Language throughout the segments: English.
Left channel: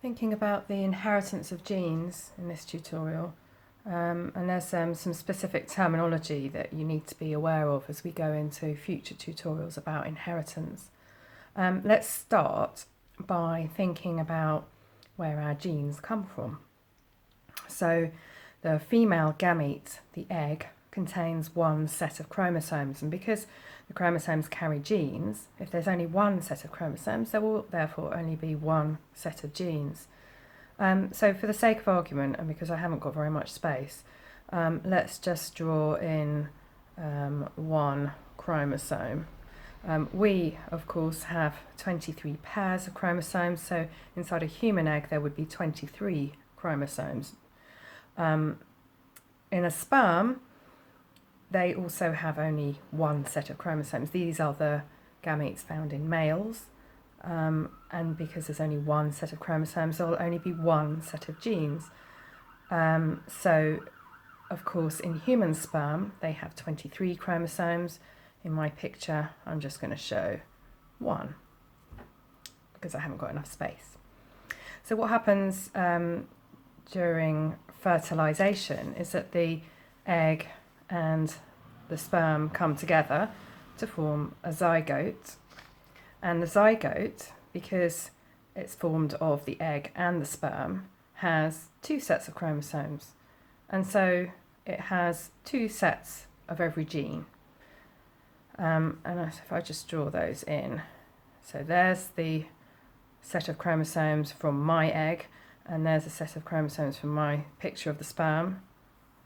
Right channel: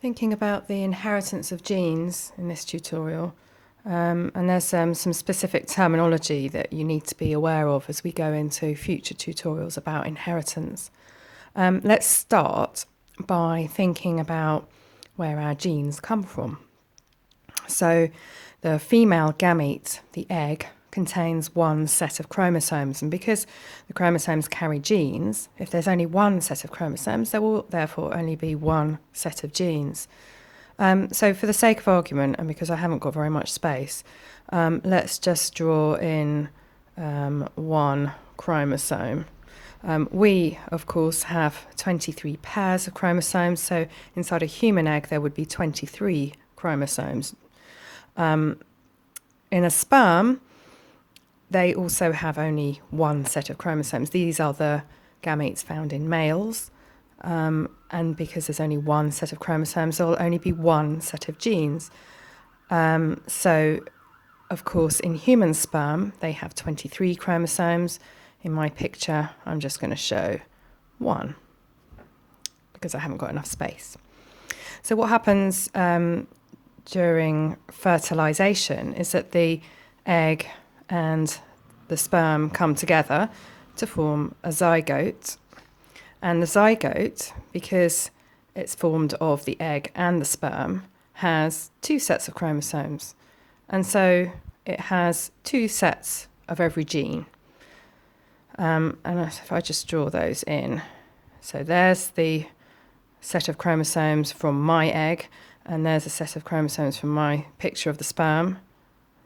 Thinking about the inheritance of genes in this tutorial, and there's some specific terminology that you need to be aware of as we go into future tutorials about inheritance. Let's start by thinking about where our genes come from. So the female gamete, the egg, contains one set of chromosomes, and because the chromosomes carry genes, if there's only one set of chromosomes, there will therefore only be one set of genes. So for the sake of argument, and because I haven't got very much space, let's just draw in one chromosome. We, of course, have 23 pairs of chromosomes, so inside a human egg there would be 23 chromosomes. In a sperm, they also have only one set of chromosomes. These are the gametes found in males. And because there's only one set of chromosomes, there will only be one set of genes. So, of course, in human sperm, they have 23 chromosomes. In my picture, I'm just going to show one because I haven't got enough space. So what happens during fertilization is that the egg and the sperm come together to form a zygote. And the zygote, because it's formed of the egg and the sperm, has two sets of chromosomes. And so it has two sets of every gene. And if I just draw those in, so there's the set of chromosomes from my egg, and there's a set of chromosomes from my picture of the sperm.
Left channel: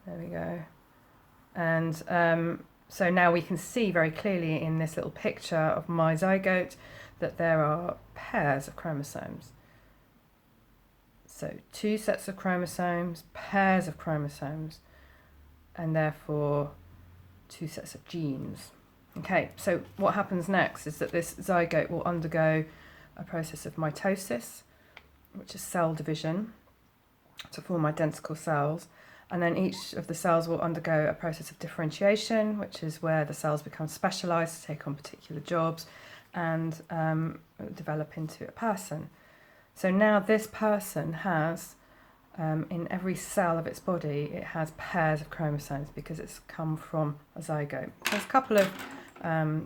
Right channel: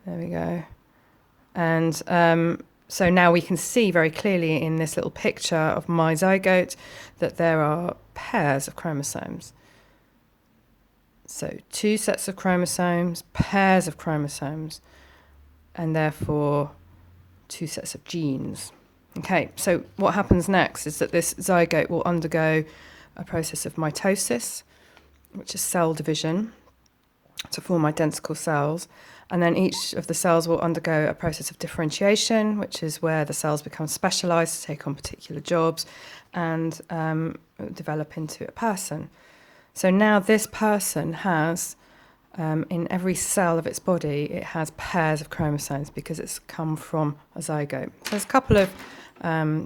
There we go. And so now we can see very clearly in this little picture of my zygote that there are pairs of chromosomes. So two sets of chromosomes, pairs of chromosomes, and therefore two sets of genes. Okay, so what happens next is that this zygote will undergo a process of mitosis, which is cell division, to form identical cells. And then each of the cells will undergo a process of differentiation, which is where the cells become specialised to take on particular jobs and develop into a person. So now this person has, in every cell of its body, it has pairs of chromosomes because it's come from a zygote. So there's a couple of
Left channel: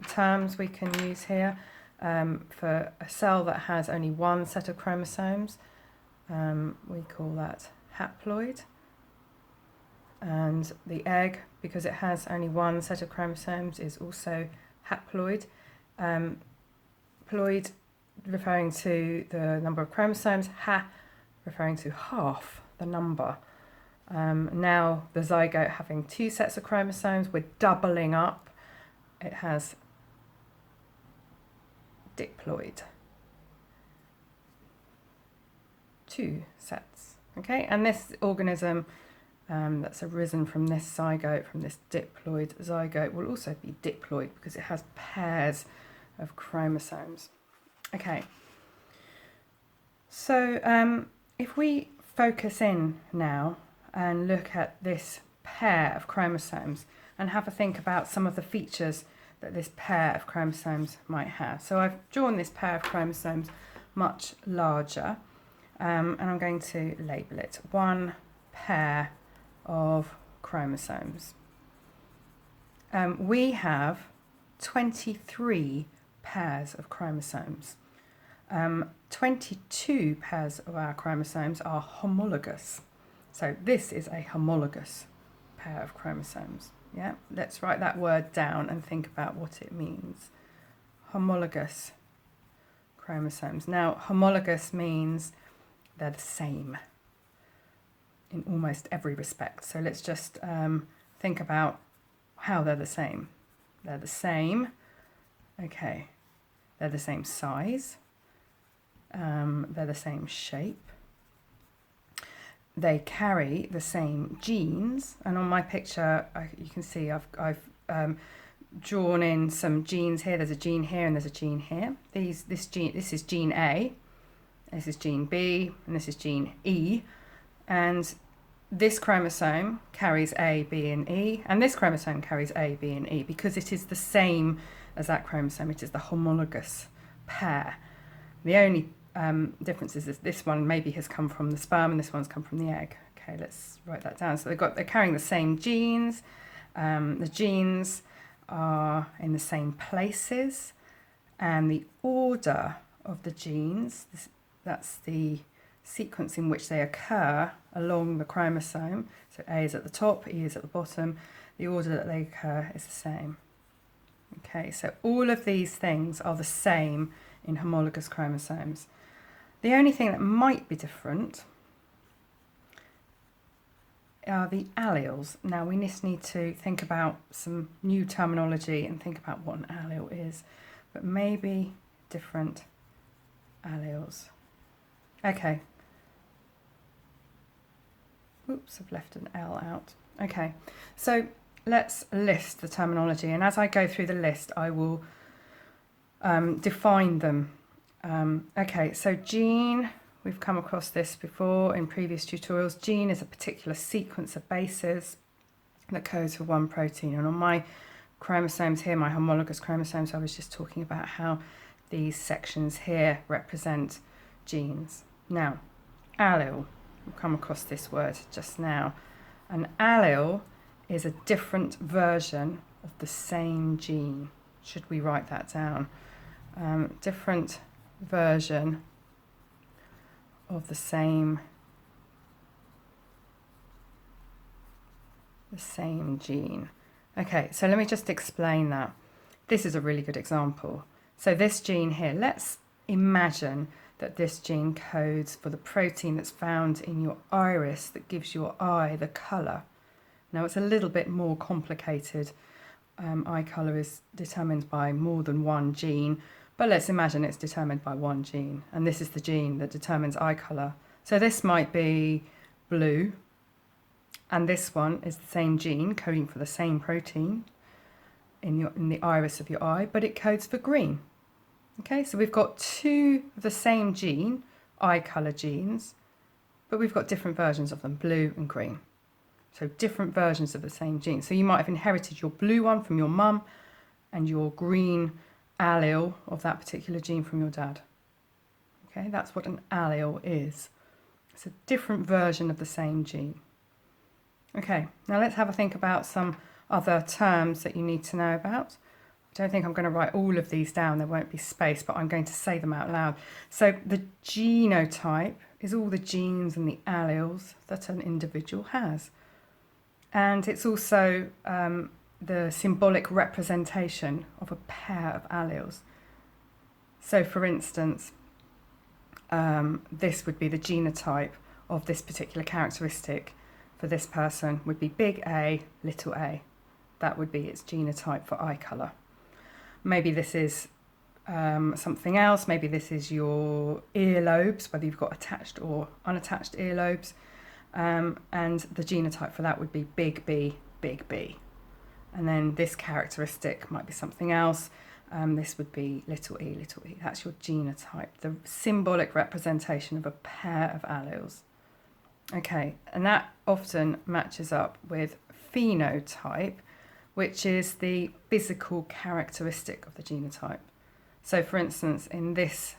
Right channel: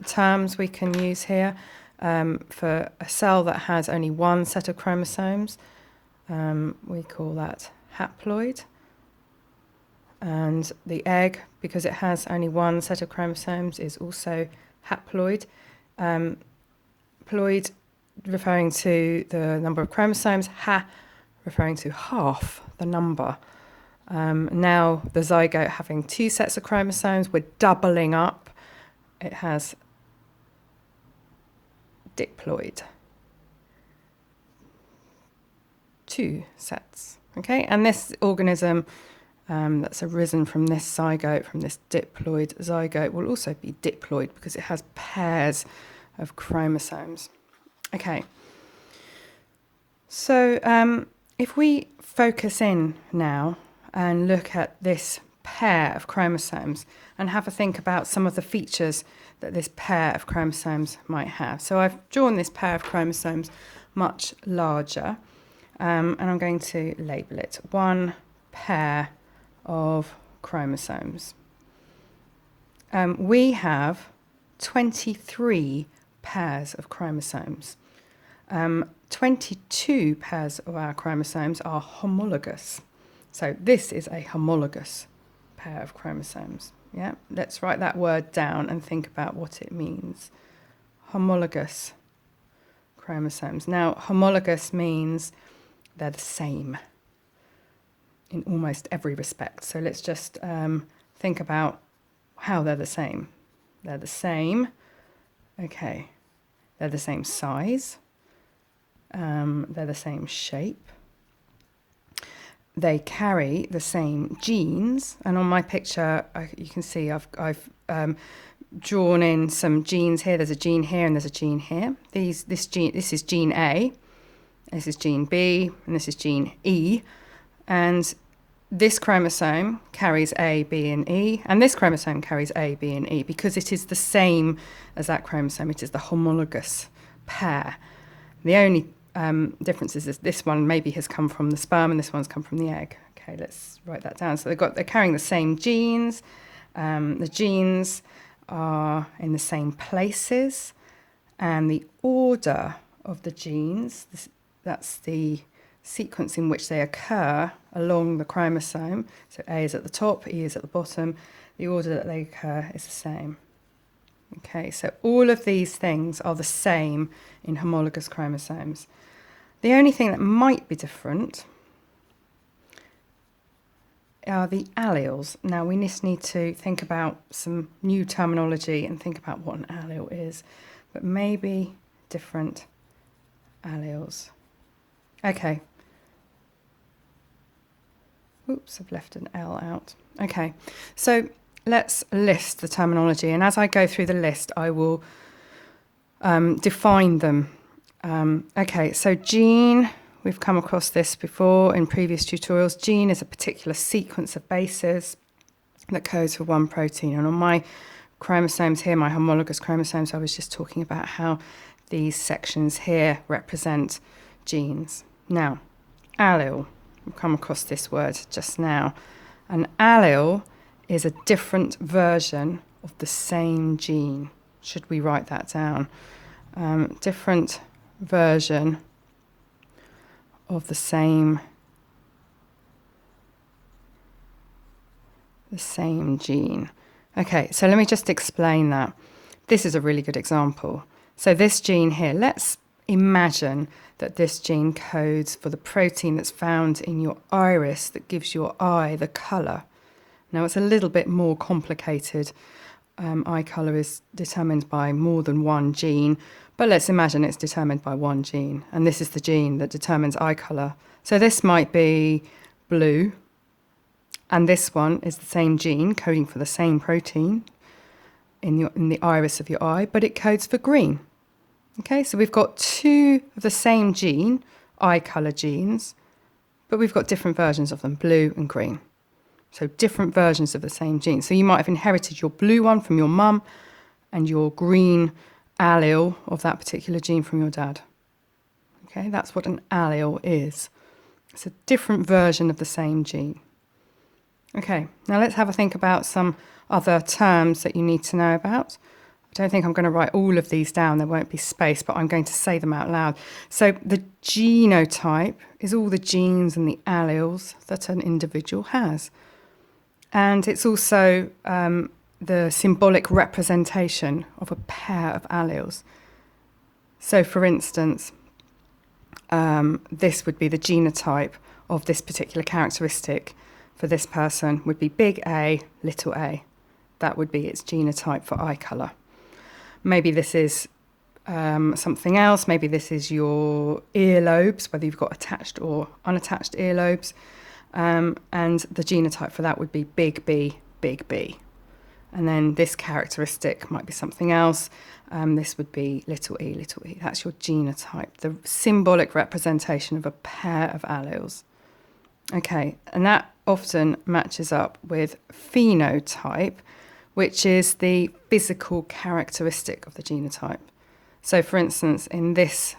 terms we can use here. For a cell that has only one set of chromosomes, we call that haploid. And the egg, because it has only one set of chromosomes, is also haploid. Ploid referring to the number of chromosomes, ha referring to half the number. Now the zygote having two sets of chromosomes, we're doubling up. It has diploid. Two sets. Okay, and this organism that's arisen from this zygote, from this diploid zygote, will also be diploid because it has pairs of chromosomes. Okay, so if we focus in now and look at this pair of chromosomes and have a think about some of the features that this pair of chromosomes might have. So I've drawn this pair of chromosomes much larger, and I'm going to label it one pair of chromosomes. We have 23 pairs of chromosomes. 22 pairs of our chromosomes are homologous. So this is a homologous pair of chromosomes. Yeah, let's write that word down and think about what it means. Homologous chromosomes. Now, homologous means they're the same in almost every respect. So let's just think about how they're the same. They're the same. Okay. They're the same size. They're the same shape. They carry the same genes. And on my picture, you can see I've drawn in some genes here. There's a gene here and there's a gene here. This is gene A. This is gene B, and this is gene E. And this chromosome carries A, B, and E, and this chromosome carries A, B, and E because it is the same as that chromosome. It is the homologous pair. The only differences is this one maybe has come from the sperm and this one's come from the egg. Okay, let's write that down. So they're carrying the same genes. The genes are in the same places, and the order of the genes, that's the sequence in which they occur along the chromosome. So A is at the top, E is at the bottom. The order that they occur is the same. Okay, so all of these things are the same in homologous chromosomes. The only thing that might be different are the alleles. Now we just need to think about some new terminology and think about what an allele is, but maybe different alleles. Okay. Oops, I've left an L out. Okay, so let's list the terminology, and as I go through the list, I will define them. Okay, so gene, we've come across this before in previous tutorials. Gene is a particular sequence of bases that codes for one protein. And on my chromosomes here, my homologous chromosomes, I was just talking about how these sections here represent genes. Now, allele, we've come across this word just now. An allele is a different version of the same gene. Should we write that down? Different version of the same gene. Okay, so let me just explain that. This is a really good example. So this gene here, let's imagine that this gene codes for the protein that's found in your iris that gives your eye the colour. Now it's a little bit more complicated. Eye colour is determined by more than one gene, but let's imagine it's determined by one gene, and this is the gene that determines eye colour. So this might be blue, and this one is the same gene coding for the same protein in the iris of your eye, but it codes for green. Okay, so we've got two of the same gene, eye colour genes, but we've got different versions of them, blue and green. So different versions of the same gene. So you might have inherited your blue one from your mum and your green allele of that particular gene from your dad. Okay, that's what an allele is. It's a different version of the same gene. Okay, now let's have a think about some other terms that you need to know about. I don't think I'm going to write all of these down, there won't be space, but I'm going to say them out loud. So the genotype is all the genes and the alleles that an individual has. And it's also the symbolic representation of a pair of alleles. So for instance, this would be the genotype of this particular characteristic for this person would be big A, little a. That would be its genotype for eye colour. Maybe this is something else. Maybe this is your earlobes, whether you've got attached or unattached earlobes. And the genotype for that would be big B, big B. And then this characteristic might be something else. This would be little e, little e. That's your genotype, the symbolic representation of a pair of alleles. Okay, and that often matches up with phenotype, which is the physical characteristic of the genotype. So for instance, in this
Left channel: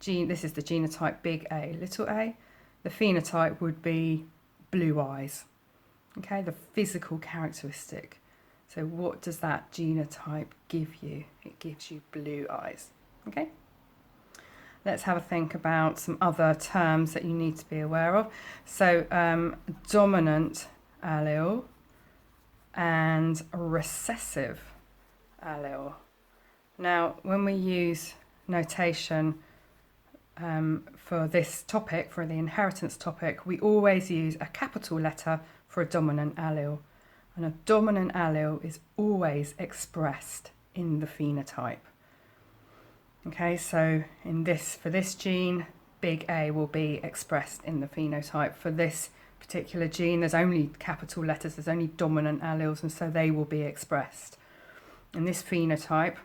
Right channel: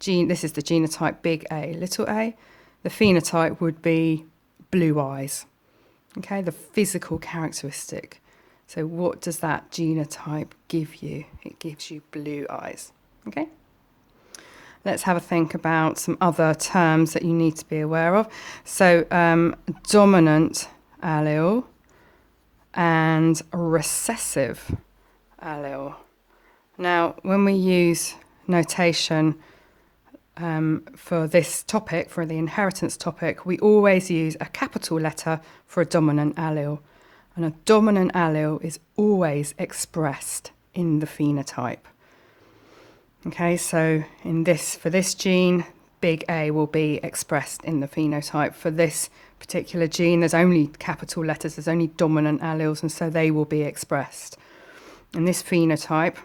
gene, this is the genotype big A, little a. The phenotype would be blue eyes. Okay, the physical characteristic. So what does that genotype give you? It gives you blue eyes. Okay. Let's have a think about some other terms that you need to be aware of. So dominant allele and recessive allele. Now, when we use notation for this topic, for the inheritance topic, we always use a capital letter for a dominant allele. And a dominant allele is always expressed in the phenotype. Okay, so for this gene, big A will be expressed in the phenotype. For this particular gene, there's only capital letters, there's only dominant alleles, and so they will be expressed. In this phenotype,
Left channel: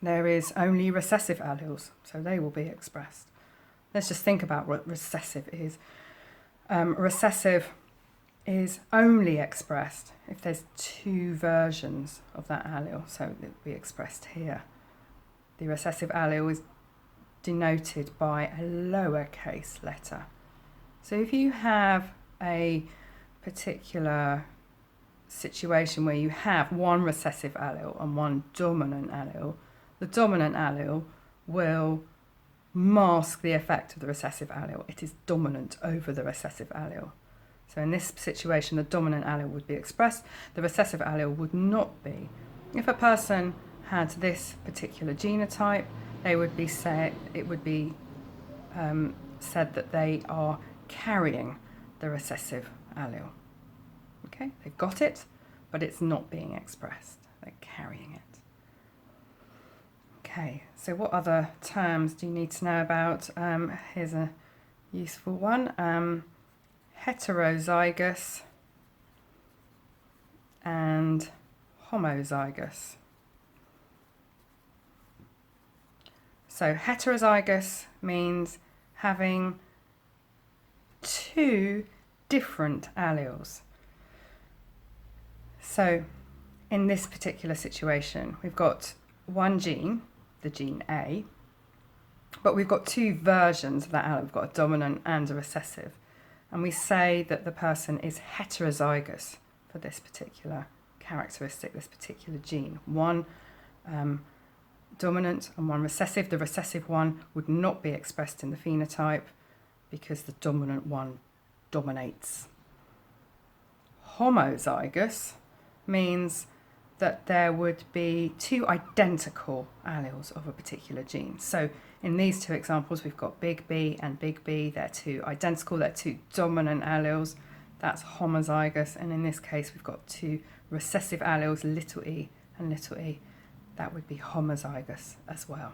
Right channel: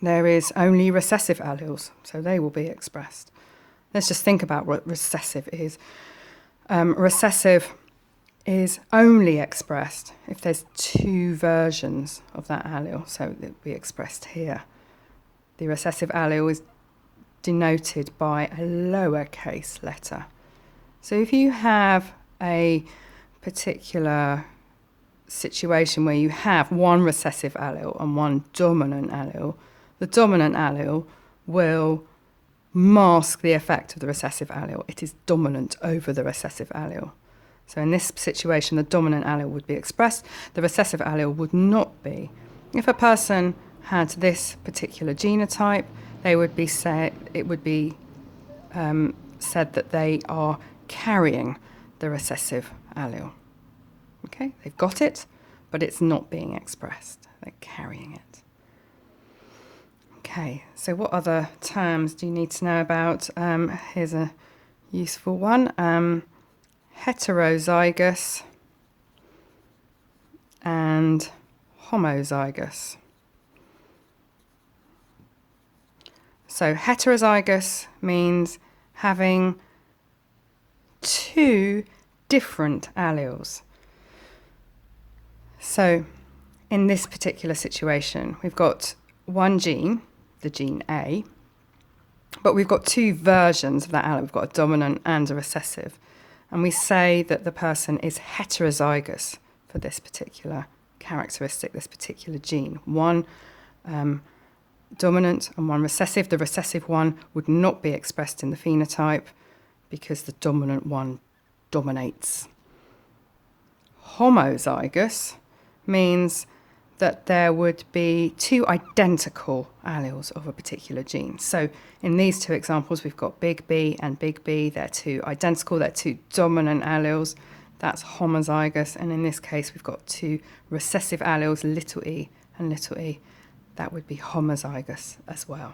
there is only recessive alleles, so they will be expressed. Let's just think about what recessive is. Recessive is only expressed if there's two versions of that allele, so it will be expressed here. The recessive allele is denoted by a lowercase letter. So if you have a particular situation where you have one recessive allele and one dominant allele, the dominant allele will mask the effect of the recessive allele. It is dominant over the recessive allele. So in this situation, the dominant allele would be expressed, the recessive allele would not be. If a person had this particular genotype, it would be said that they are carrying the recessive allele. Okay, they've got it, but it's not being expressed. They're carrying it. Okay, so what other terms do you need to know about? Here's a useful one. Heterozygous and homozygous. So heterozygous means having two different alleles. So in this particular situation, we've got one gene, the gene A, but we've got two versions of that allele. We've got a dominant and a recessive. And we say that the person is heterozygous for this particular characteristic, this particular gene. One dominant and one recessive. The recessive one would not be expressed in the phenotype because the dominant one dominates. Homozygous means that there would be two identical alleles of a particular gene. So in these two examples, we've got big B and big B. They're two identical, they're two dominant alleles. That's homozygous. And in this case, we've got two recessive alleles, little e and little e. That would be homozygous as well.